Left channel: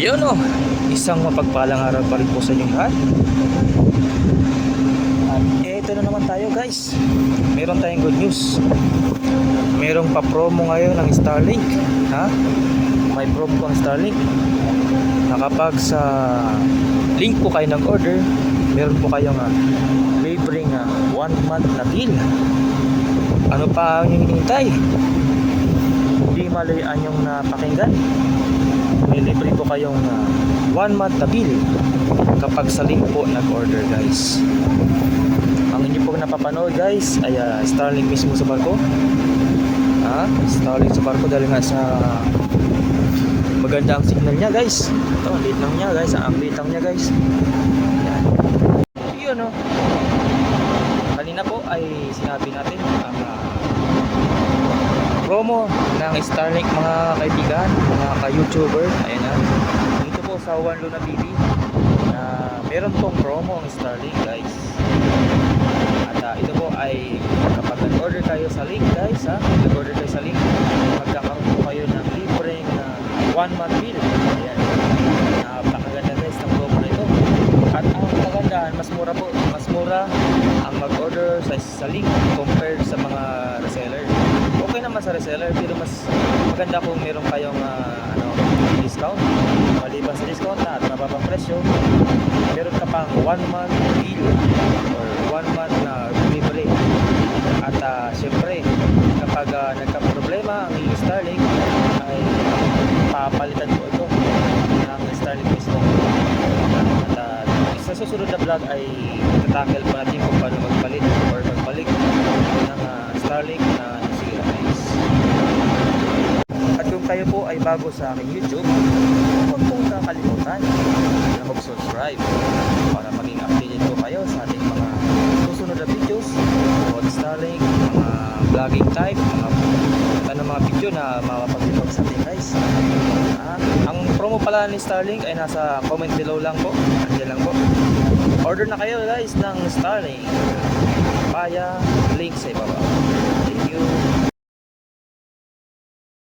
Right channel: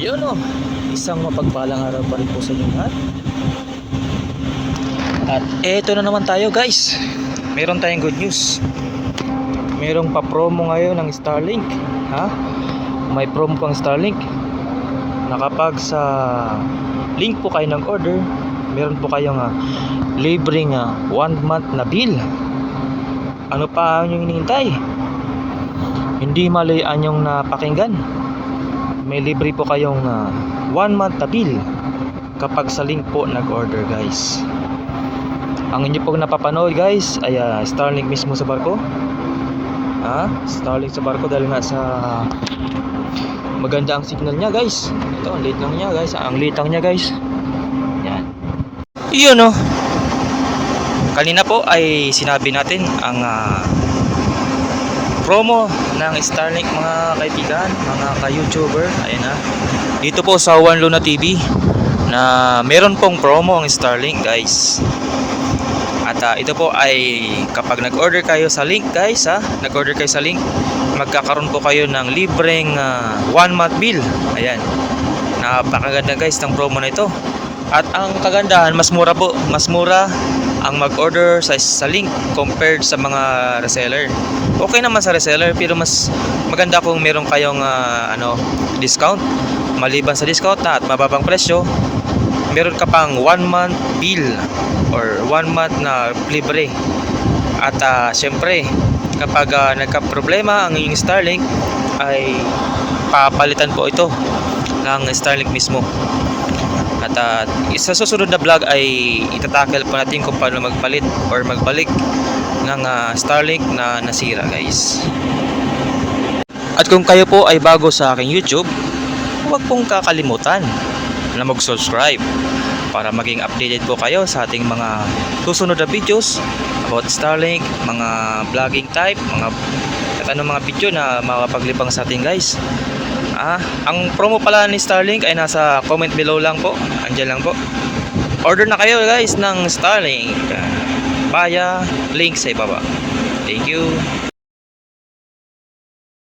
Yun o, isang mapagpalang araw pa rin po sa inyong lahat. At eto na naman tayo guys. Meron tayong good news. Merong pa-promo ngayon ng Starlink. May promo pang Starlink. Nakapag sa link po kayo ng order, meron po kayong libreng 1 month na bill. Ano pa ang inyong hinihintay? Hindi malayaan yung napakinggan. May libre po kayong 1 month na bill kapag sa link po nag-order guys. Ang inyo pong napapanood guys ay Starlink mismo sa barko. Starlink sa barko dahil nga sa maganda ang signal niya guys. Ito, ang liit lang niya guys. Ang liit lang niya guys. Yan. Iyon o. Kanina po ay sinabi natin ang promo ng Starlink mga kaibigan, mga ka-YouTuber. Ayan na. Dito po sa One Luna TV na meron pong promo ang Starlink guys. At ito po ay kapag nag-order kayo sa link guys, nag-order kayo sa link, magkakaroon po kayo ng libreng 1 month bill. Ayan. Napakaganda guys ng promo na ito. At ang kagandahan, mas mura po. Mas mura ang mag-order sa link compared sa mga reseller. Okay naman sa reseller pero mas maganda kung meron kayong discount. Maliban sa discount at mababang presyo, meron ka pang 1 month bill or 1 month na libre. At syempre kapag nagka-problema ang inyong Starlink ay papalitan po ito ng Starlink mismo. At sa susunod na vlog ay itatackle po natin kung paano magpalit or magbalik ng Starlink na nasira guys. At kung kayo po ay bago sa aking YouTube, huwag pong kakalimutan na mag-subscribe para maging updated po kayo sa ating mga susunod na videos about Starlink, mga vlogging type, mga video na mapapaglibang sa ating guys. Ang promo pala ni Starlink ay nasa comment below lang po. Andiyan lang po. Order na kayo guys ng Starlink via link sa ibaba. Thank you.